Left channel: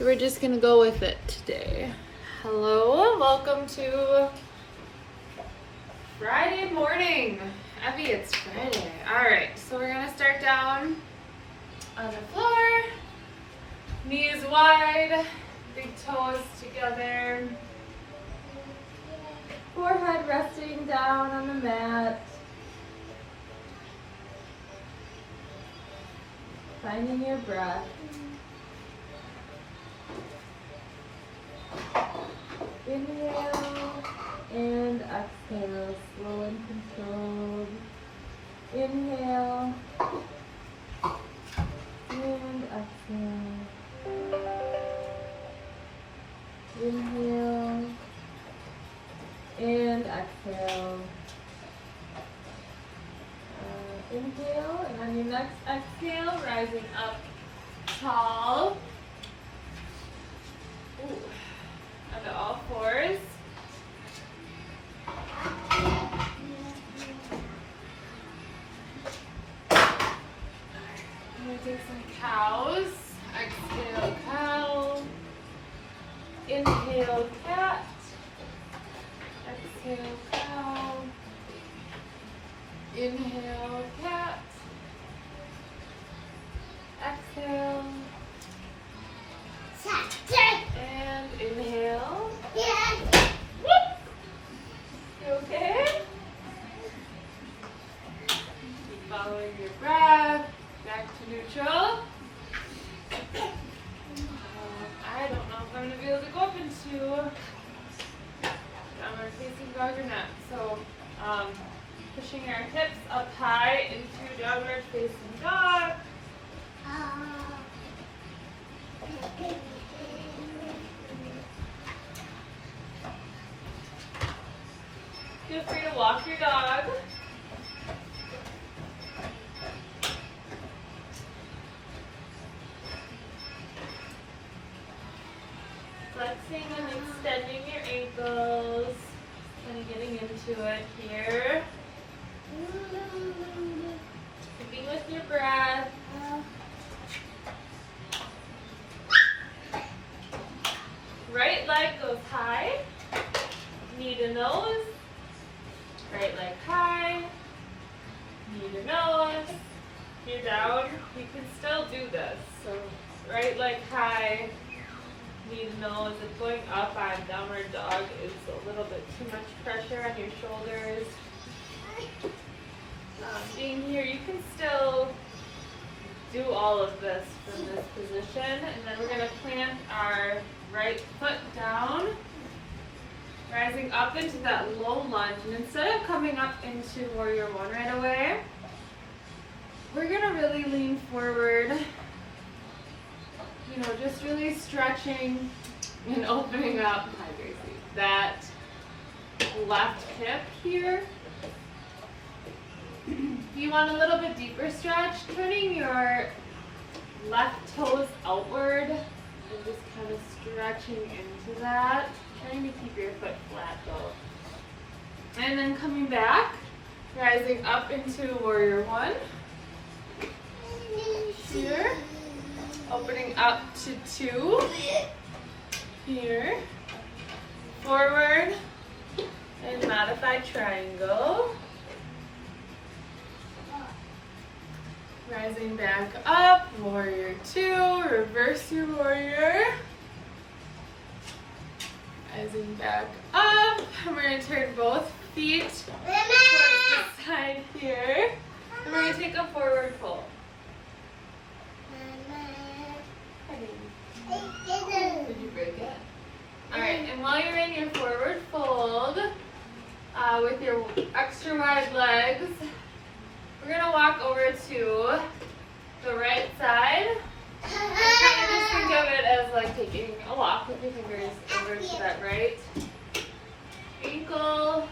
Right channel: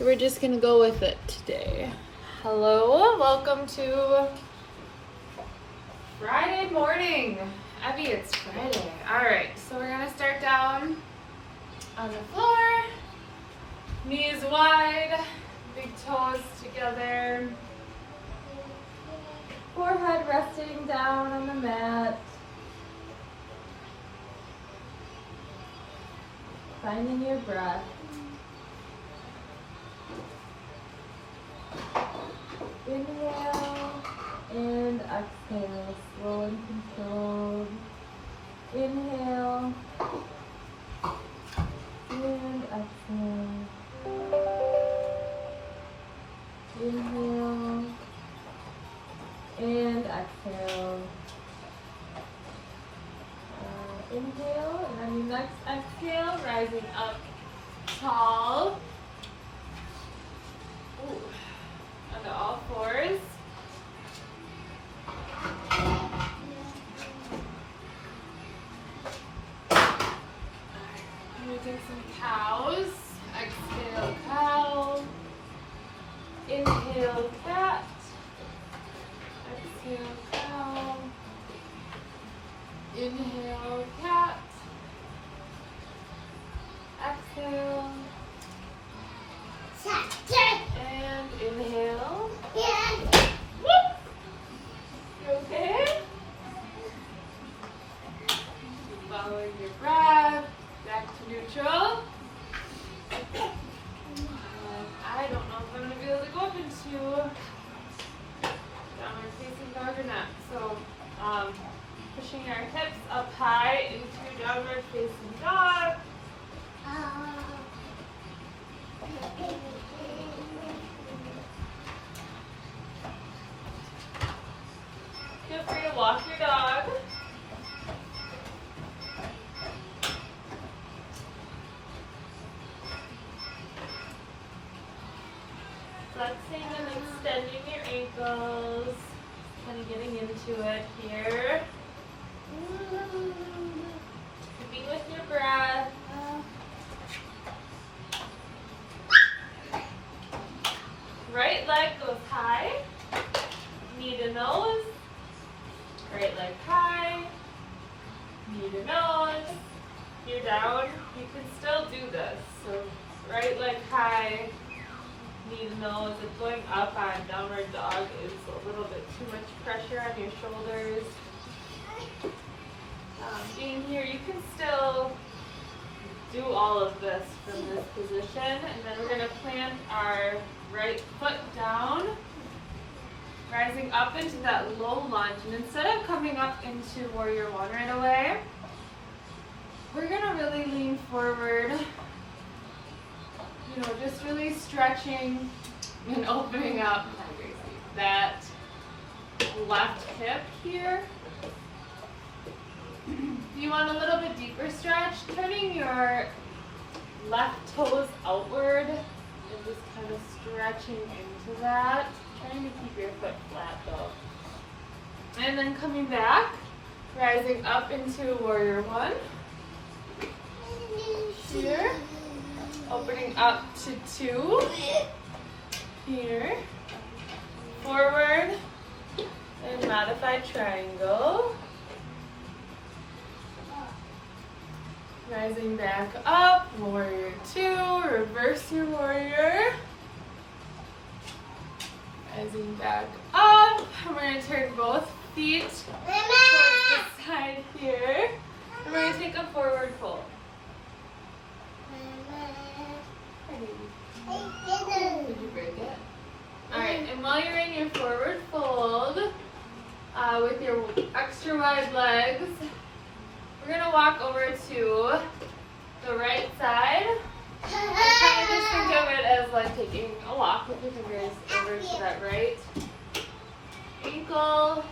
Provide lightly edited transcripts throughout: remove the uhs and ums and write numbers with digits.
So we're just gonna go with it today. Hello, welcome to Friday morning. Abby, it's Friday. All right, so we're gonna start down on the floor, knees wide, big toes together, forehead resting down on the mat. Finding your breath. Inhale and exhale, slow and controlled. Inhale and exhale. Inhale and exhale. Inhale, and on your next exhale, rising up tall. Ooh. Onto all fours. Using some cows. Exhale, cow. Inhale, cat. Exhale, cow. Inhale, cat. Exhale. And inhale. Whoop. You okay? Keep following your breath. Back to neutral. I don't know if I'm going to be able to go up into downward facing dog or not. So, pushing our hips up high into downward facing dog. Feel free to walk your dog. Flexing and extending your ankles. Kind of getting into it here. Keeping with your breath. Right leg goes high. Knee to nose. Right leg high. Knee to nose. You're down. You can still do this. So right leg high. Knee to nose. If going up on downward dog is a little bit too much pressure on your shoulders. Being here, you can still do all of this from this position. And then we're going to plant our right foot down, rising up into that low lunge. And instead of coming up into warrior one right away, we're going to really lean forward, you know, just really stretching and opening up that left hip here. If you want a little bit deeper stretch, turning your left toes outward and just kind of stretching into that. Trying to keep your foot flat though. And then coming back, rising up into warrior one. Here. Opening up to two. Here. Forward. And modified triangle. Rising back up, warrior two, reverse your warrior. Rising back up, and we're going to turn both feet towards the side here. And we're going to take a forward fold. Did you break it? Alright, and while you're in your forward fold, with your extra wide legs, we're going to walk over to the right side. And kind of just think of it as like taking a walk with your fingers over to that right ankle.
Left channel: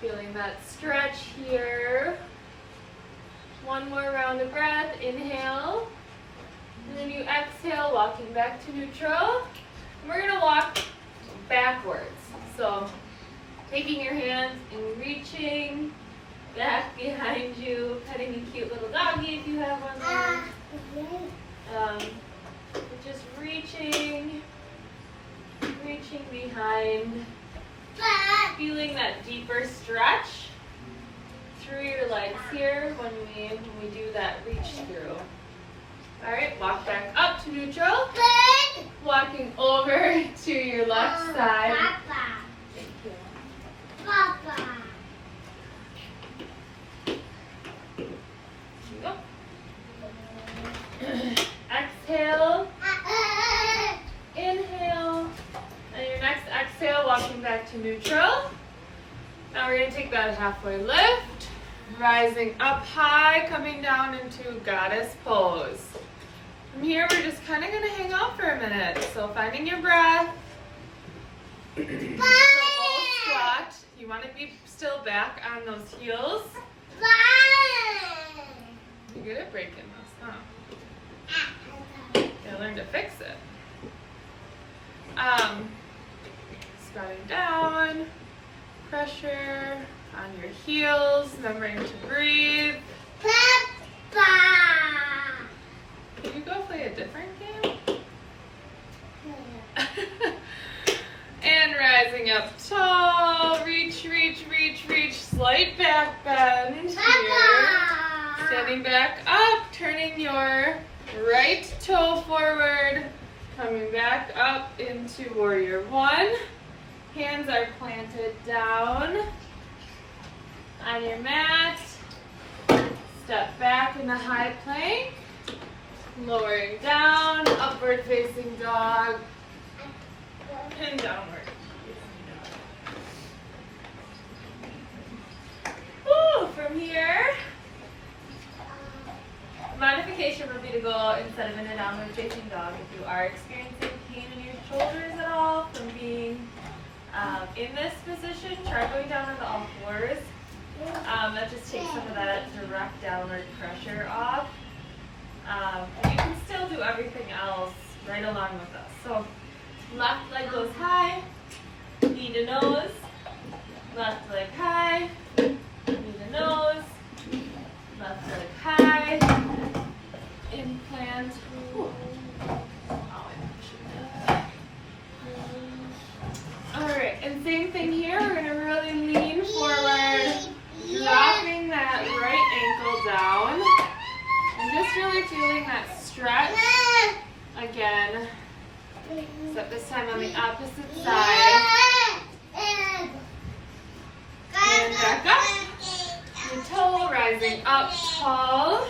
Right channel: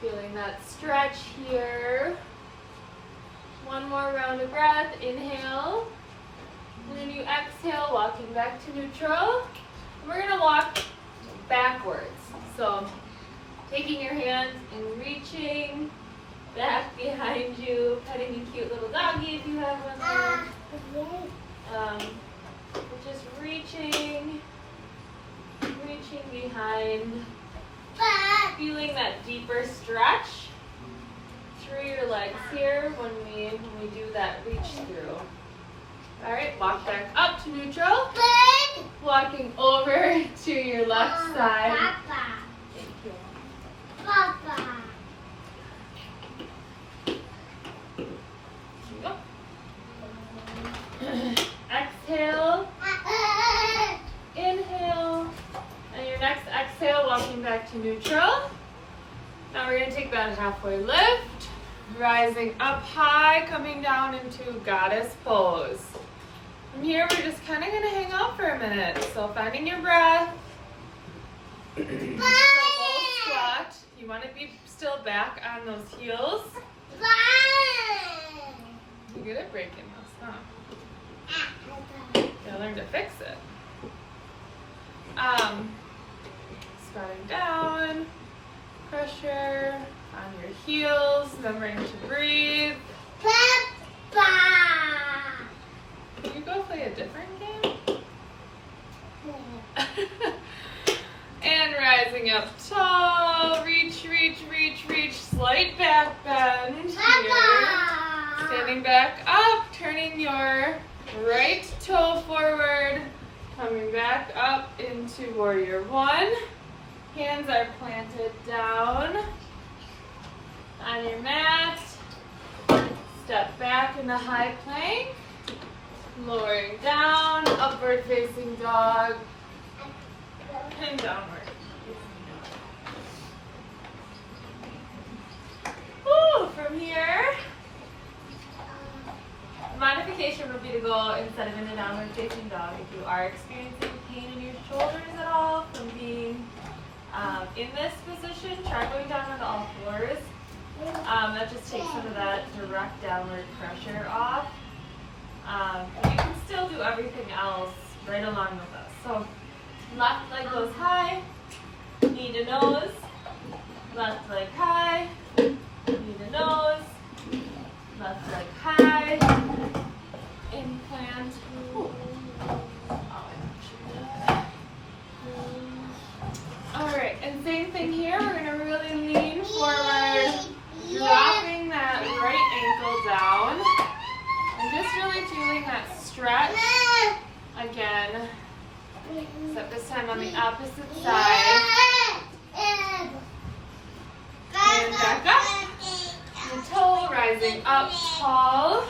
Feeling that stretch here. One more round of breath. Inhale. And then you exhale, walking back to neutral. And we're going to walk backwards. So taking your hands and reaching back behind you, petting a cute little doggy if you have one there. behind. Feeling that deeper stretch through your legs here when we do that reach through. All right, walk back up to neutral. Walking over to your left side. Thank you. There you go. Exhale. Inhale. And your next exhale, walking back to neutral. Now we're going to take that halfway lift. Rising up high, coming down into goddess pose. From here, we're just kind of going to hang out for a minute. So finding your breath. So low squat. You want to be still back on those heels. You're good at breaking this, huh? You gotta learn to fix it. Squatting down, pressure on your heels, remembering to breathe. Can you go play a different game? And rising up tall, reach, reach, reach, reach, slight back bend here. Standing back up, turning your right toe forward, coming back up into warrior one. Hands are planted down on your mat. Step back in the high plank. Lowering down, upward facing dog, and downward. Woo, from here, modification would be to go instead of in a downward facing dog. If you are experiencing pain in your shoulders at all from being in this position, try going down onto all fours. That just takes some of that direct downward pressure off. But you can still do everything else right along with us. So left leg goes high, knee to nose, left leg high, knee to nose, left leg high, implant. Alright, and same thing here, we're going to really lean forward, dropping that right ankle down. And just really feeling that stretch again, except this time on the opposite side. And back up. The toe rising up tall.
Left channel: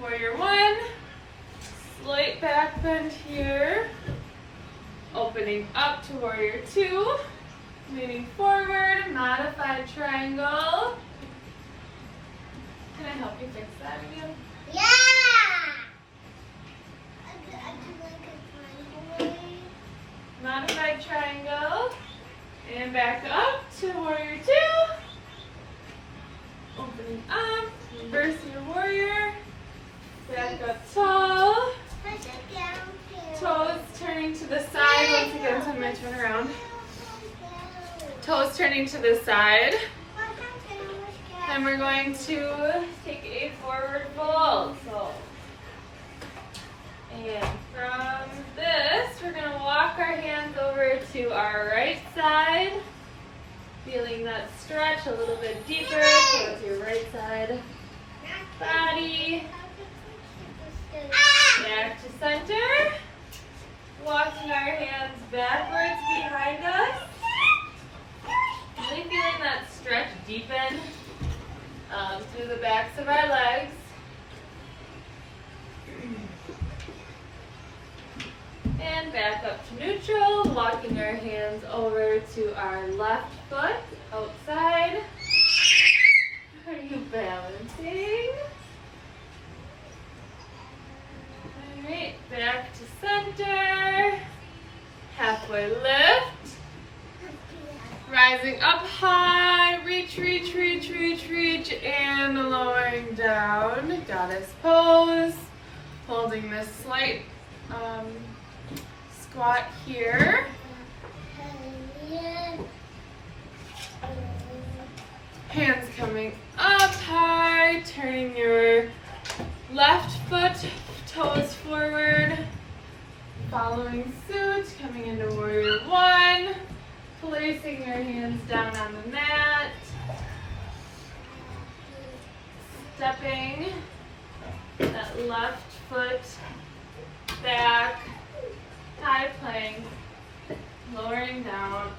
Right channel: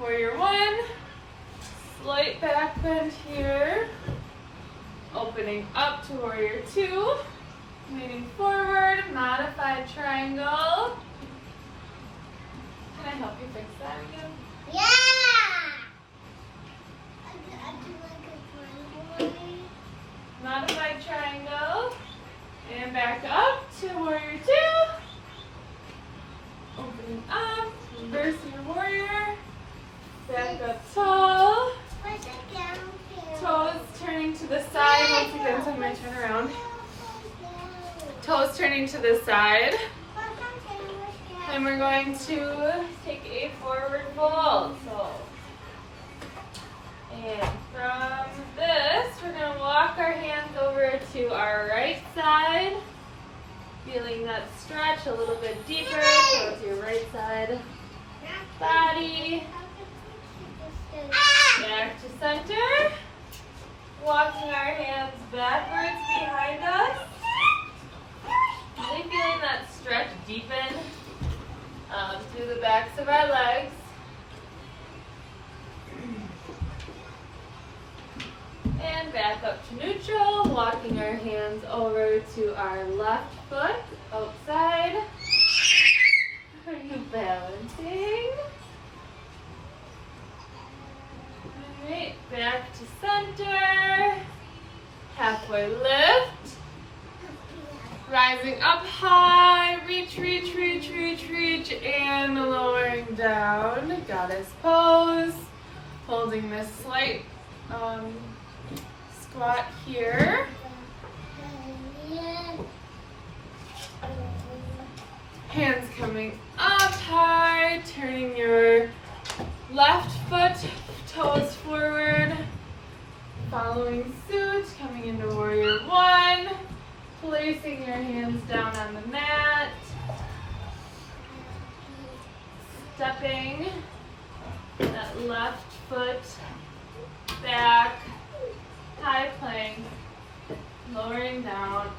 Warrior one. Slight back bend here. Opening up to warrior two. Leaning forward, modified triangle. Can I help you fix that again? Yeah! Modified triangle. And back up to warrior two. Opening up. Reverse your warrior. Back up tall. Toes turning to the side. Once again, so I'm going to turn around. Toes turning to the side. And we're going to take a forward fold. So, and from this, we're going to walk our hands over to our right side. Feeling that stretch a little bit deeper towards your right side body. Back to center. Walking our hands backwards behind us. Really feeling that stretch deepen through the backs of our legs. And back up to neutral, walking our hands over to our left foot outside. Are you balancing? Alright, back to center. Halfway lift. Rising up high, reach, reach, reach, reach, reach, and lowering down. Goddess pose. Holding this slight squat here. Hands coming up high, turning your left foot, toes forward. Following suit, coming into warrior one. placing your hands down on the mat. Stepping that left foot back, high plank, lowering down.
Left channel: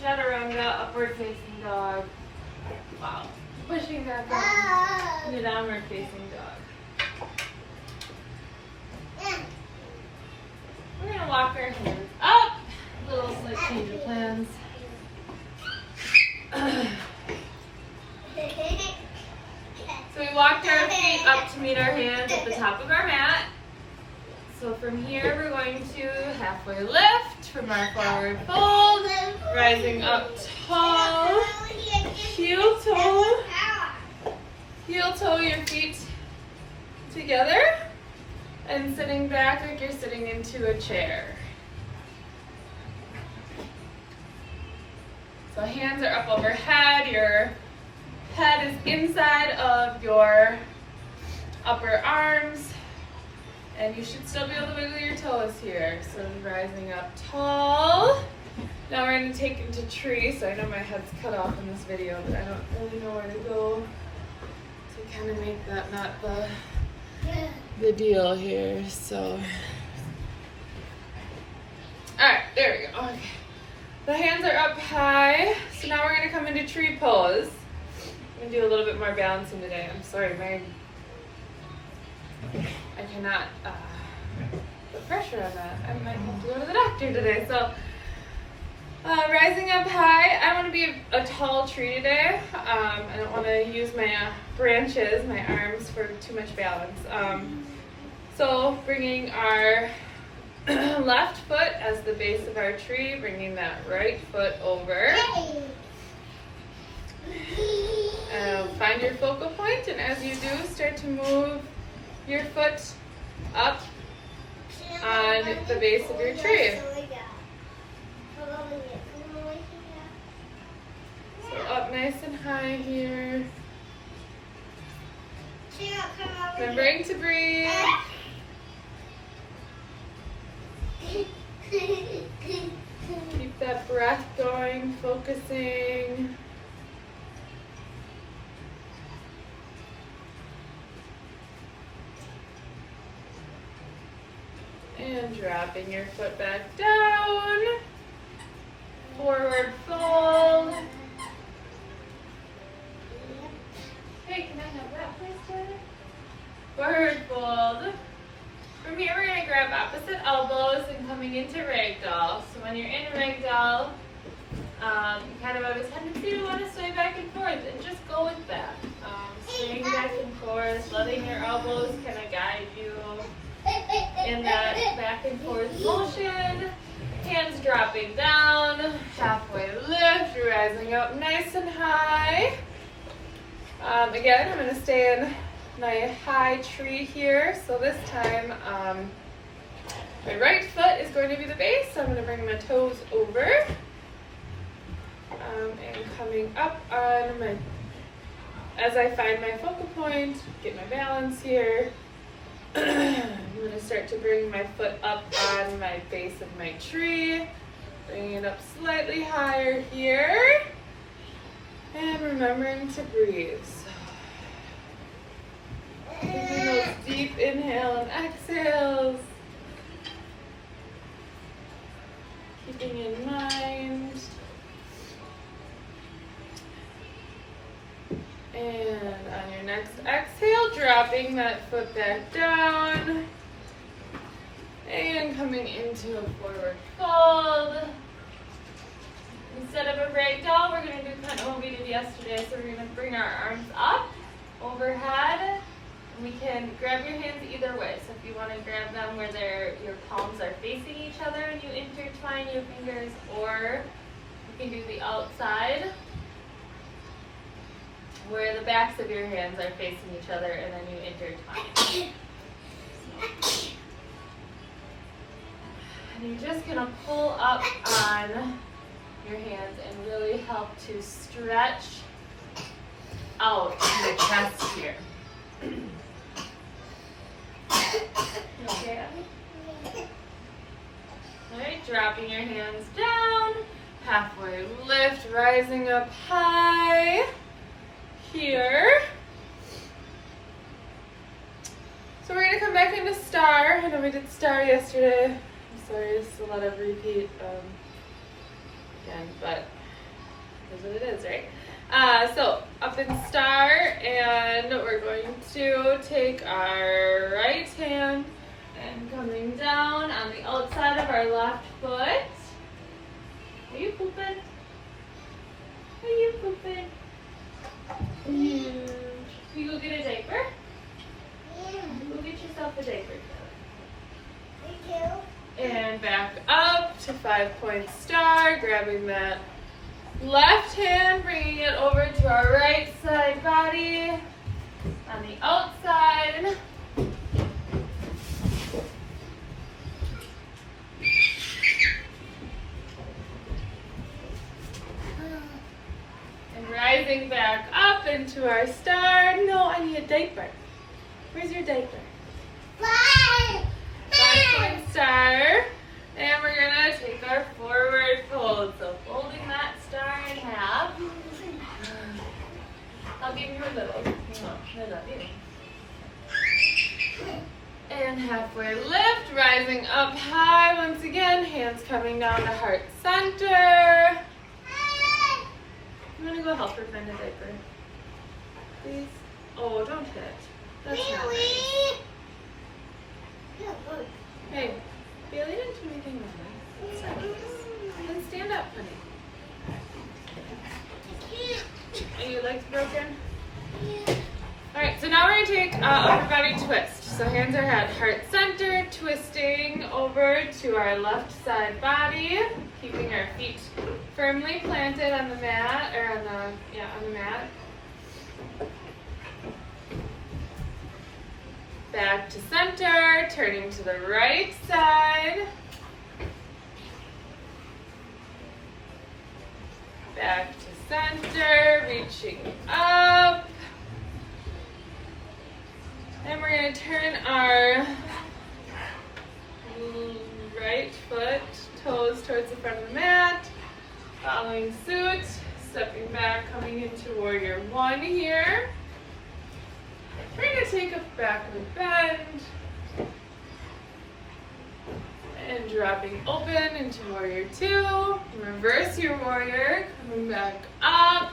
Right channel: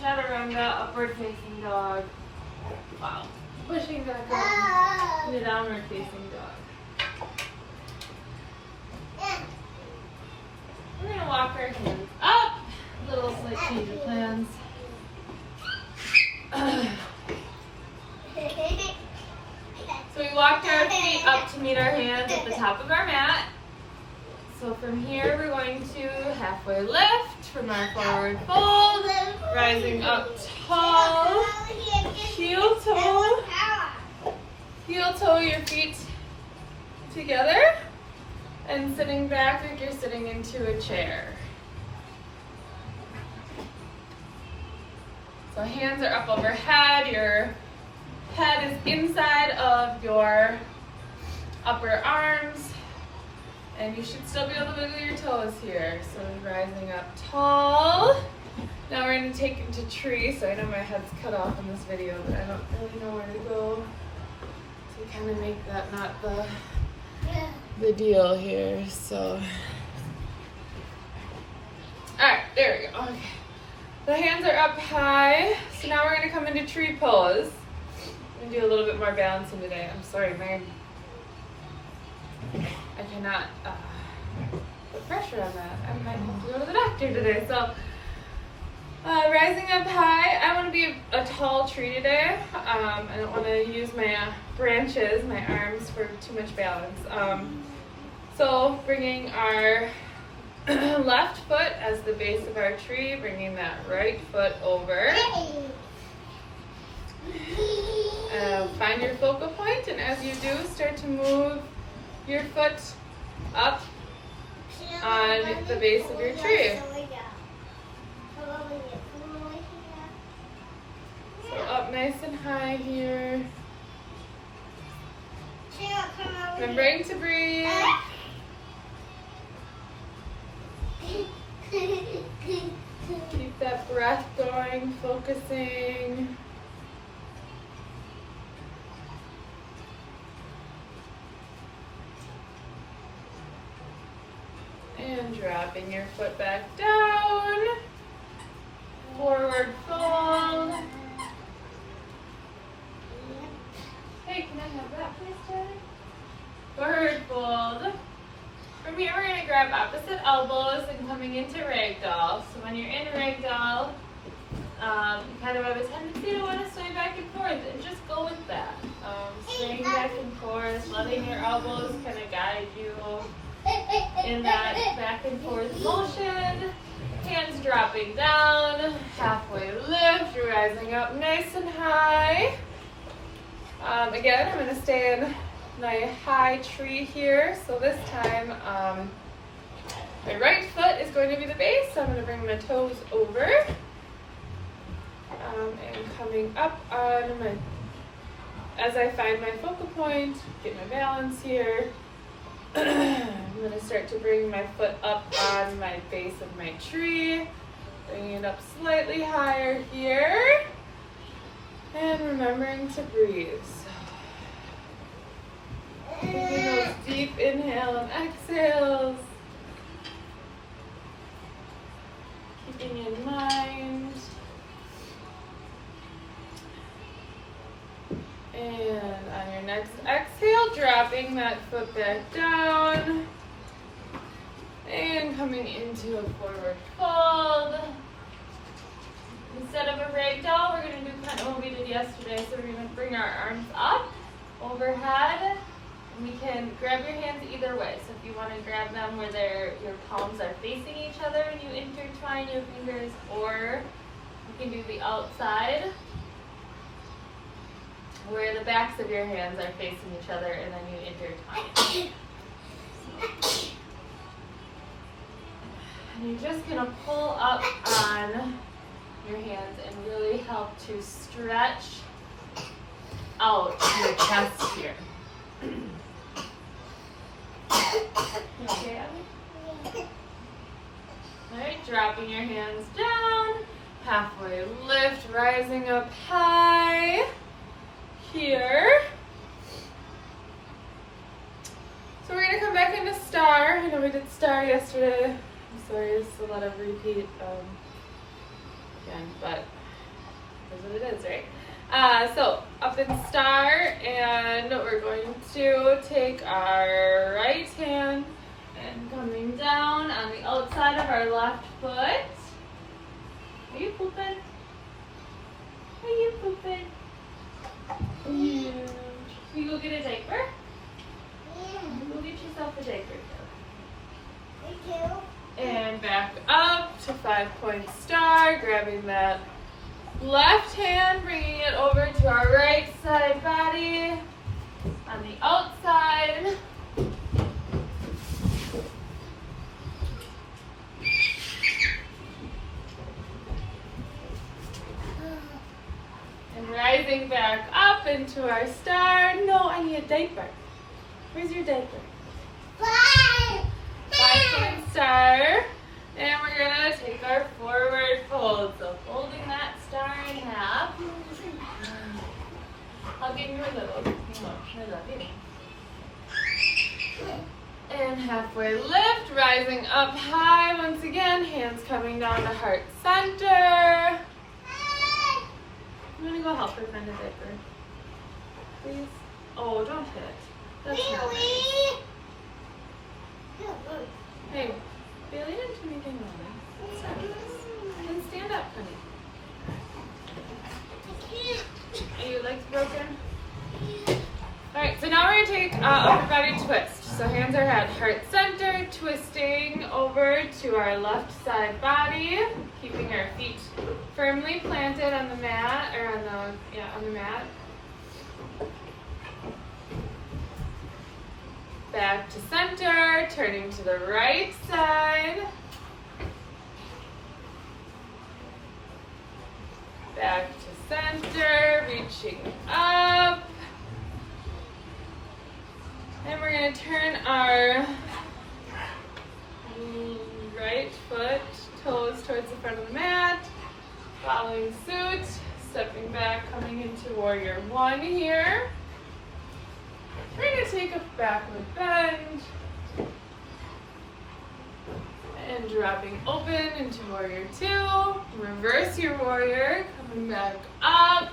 Chaturanga, upward facing dog. Wow. Pushing back up into downward facing dog. We're going to walk our hands up. A little slight change of plans. So we walked our feet up to meet our hands at the top of our mat. So from here we're going to halfway lift from our forward fold, rising up tall, heel toe your feet together, and sitting back like you're sitting into a chair. So hands are up overhead, your head is inside of your upper arms, and you should still be able to wiggle your toes here. So rising up tall. Now we're going to take into tree. So I know my head's cut off in this video, but I don't really know where to go to kind of make that not the deal here. So, all right, there we go. Okay. The hands are up high. So now we're going to come into tree pose. I'm going to do a little bit more balancing today. I'm sorry, I cannot put pressure on that. I might have to go to the doctor today. So, rising up high, I want to be a tall tree today. I don't want to use my branches, my arms, for too much balance. So bringing our left foot as the base of our tree, bringing that right foot over. Find your focal point, and as you do, start to move your foot up on the base of your tree. So up nice and high here. Remembering to breathe. Keep that breath going, focusing. And dropping your foot back down. Forward fold. Hey, can I have that please, Daddy? Forward fold. From here we're going to grab opposite elbows and coming into ragdoll. So when you're in ragdoll, you kind of have a tendency to want to sway back and forth, and just go with that. Swaying back and forth, letting your elbows kind of guide you in that back and forth motion. Hands dropping down, halfway lift, rising up nice and high. Again, I'm going to stay in my high tree here. So this time, my right foot is going to be the base. So I'm going to bring my toes over. And coming up on my, as I find my focal point, get my balance here. I'm going to start to bring my foot up on my base of my tree, bringing it up slightly higher here, and remembering to breathe. Taking those deep inhale and exhales, keeping in mind. And on your next exhale, dropping that foot back down and coming into a forward fold. Instead of a ragdoll, we're going to do kind of what we did yesterday. So we're going to bring our arms up overhead. And we can grab your hands either way. So if you want to grab them where your palms are facing each other and you intertwine your fingers, or you can do the outside, where the backs of your hands are facing each other, and then you intertwine. And you're just going to pull up on your hands and really help to stretch out your chest here. You okay, Abby? All right, dropping your hands down, Halfway lift, rising up high. Here. So we're gonna come back into star. I know we did star yesterday. I'm sorry, it's a lot of repeat again, but that's what it is, right? So up in star, and we're going to take our right hand and coming down on the outside of our left foot. Are you pooping? Are you pooping? And you go get a diaper? Go get yourself a diaper. Thank you. And back up to 5-point star, grabbing that left hand, bringing it over to our right side body on the outside. And rising back up into our star. No, I need a diaper. Where's your diaper? Bye. 5-point star. And we're gonna take our forward fold. So folding that star in half. I'll give you a little. No, I love you. And halfway lift, rising up high once again. Hands coming down to heart center. I'm gonna go help her find a diaper. Please. Oh, don't hit. That's not nice. Hey, Bailey didn't do anything wrong. That's not nice. Then stand up, honey. Are your legs broken? Alright, so now we're going to take upper body twist. So hands are at heart center, twisting over to our left side body, keeping our feet firmly planted on the mat, or on the mat. Back to center, turning to the right side. Back to center, reaching up. And we're going to turn our right foot, toes towards the front of the mat. Following suit, stepping back, coming into warrior one here. We're going to take a backward bend. And dropping open into warrior two. Reverse your warrior, coming back up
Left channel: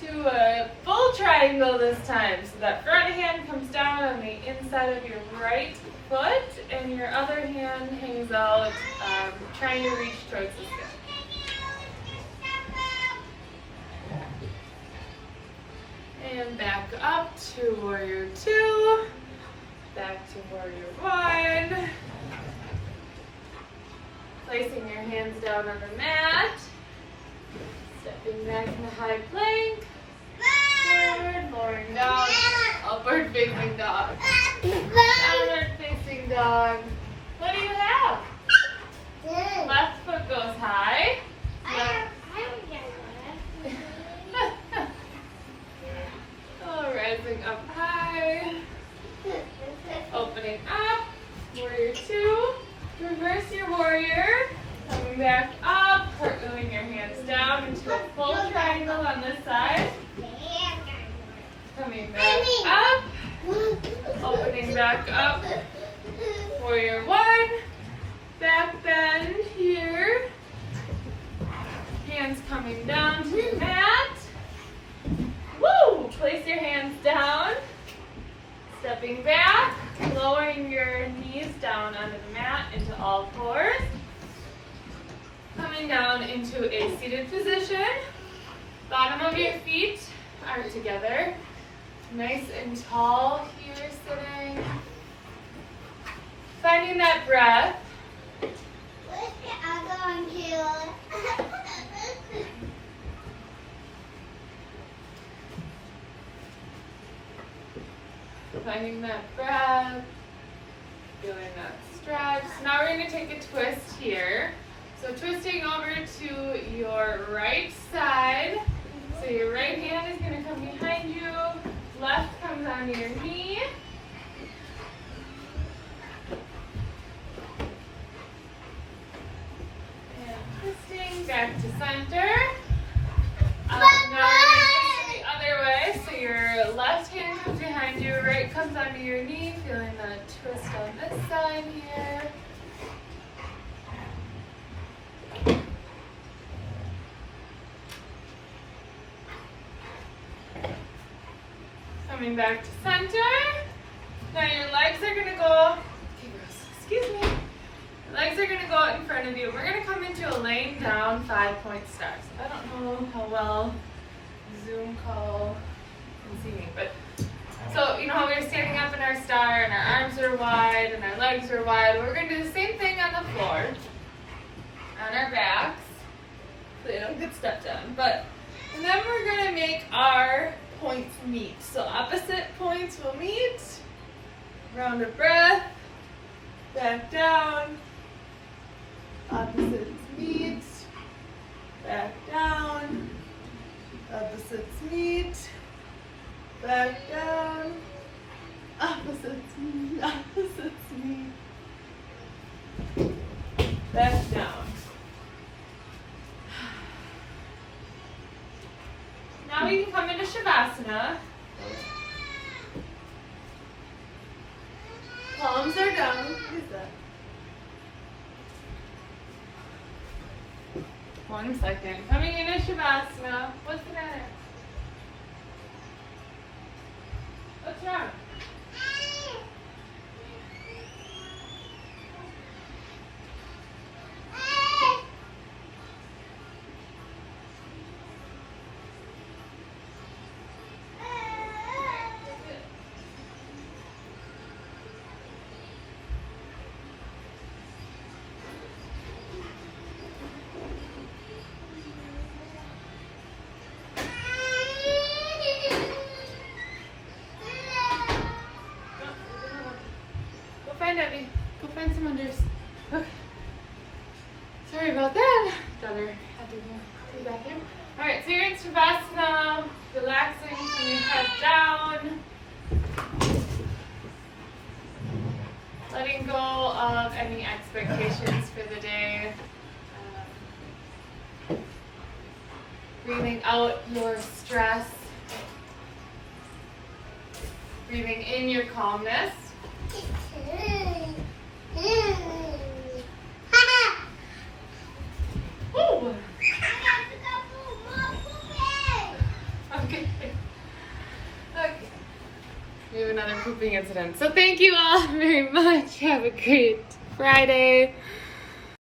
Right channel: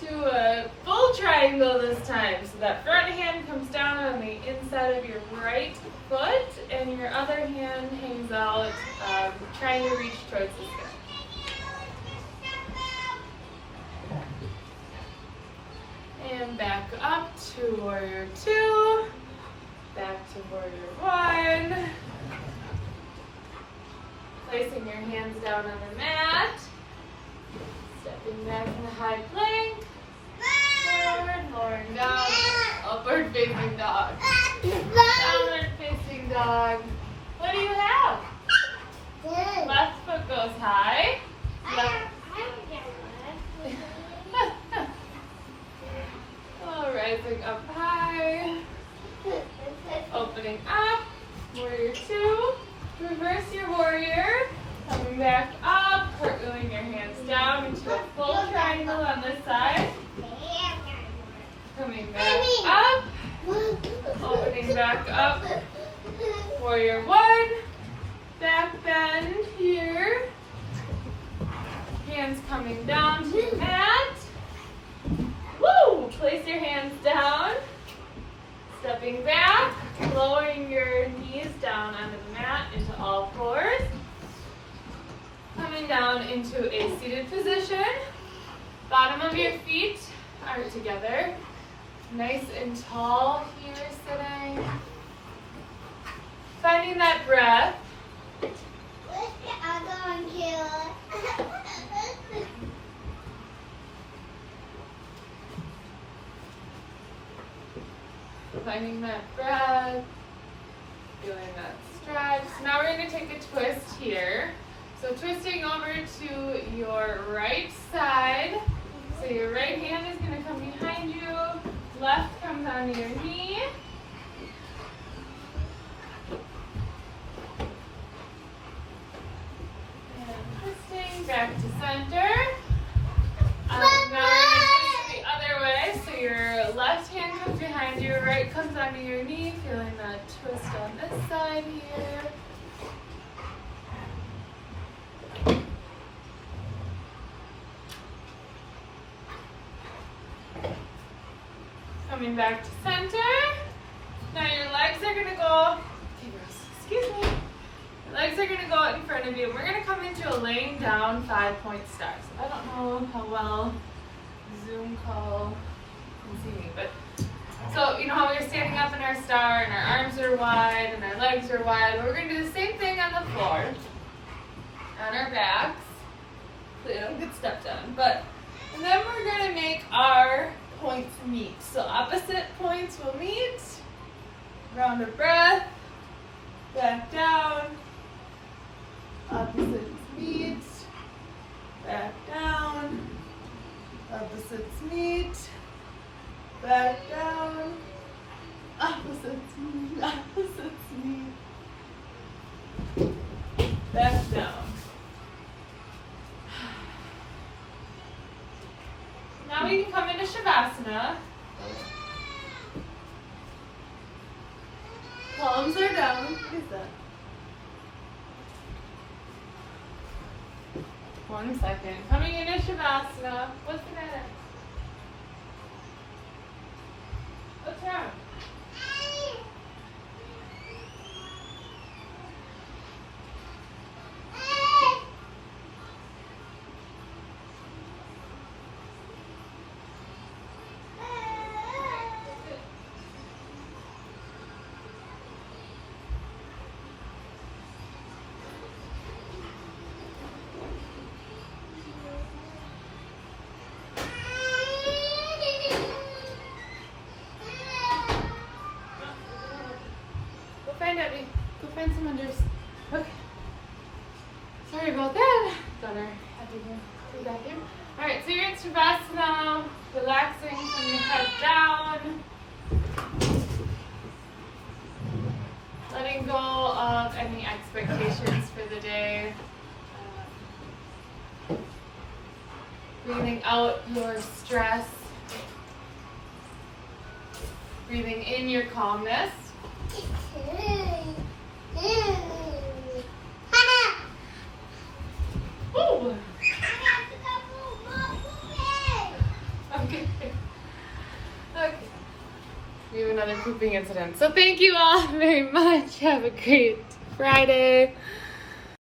to a full triangle this time. So that front hand comes down on the inside of your right foot, and your other hand hangs out, trying to reach towards the sky. And back up to warrior two, back to warrior one. Placing your hands down on the mat, stepping back in the high plank, forward, lowering down, upward facing dog, downward facing dog. What do you have? Left foot goes high. Left. Oh, rising up high, opening up, warrior two. Reverse your warrior, coming back up, curling your hands down into a full triangle on this side. Coming back up, opening back up, warrior one, back bend here. Hands coming down to the mat. Woo! Place your hands down. Stepping back, lowering your knees down onto the mat into all fours. Coming down into a seated position. Bottom of your feet are together. Nice and tall here sitting. Finding that breath. Finding that breath, feeling that stretch. So now we're going to take a twist here. So twisting over to your right side. So your right hand is going to come behind you. Left comes on your knee. And twisting back Just on this side here. Coming back to center. Now your legs are gonna go, excuse me. Your legs are gonna go in front of you. We're gonna come into a laying down 5-point star. So I don't know how well Zoom call can see me, but so you know how we're standing up in our star and our arms are wide and our legs are wide. We're gonna do the same thing on the floor, on our backs. Hopefully I don't get stepped on, and then we're gonna make our points meet. So opposite points will meet. Round of breath. Back down. Opposites meet. Back down. Opposites meet. Back down. Opposites meet. Opposites meet. Back down. Now we can come into Shavasana. Palms are down. What is that? 1 second. Coming into Shavasana. What's the matter? What's wrong? Go find some unders. Okay. Sorry about that. Daughter had to go to the bathroom. Alright, so you're in Shavasana, relaxing from your head down. Letting go of any expectations for the day. Breathing out your stress. Breathing in your calmness. Ooh. Okay. Okay. We have another pooping incident. So thank you all very much. Have a great Friday.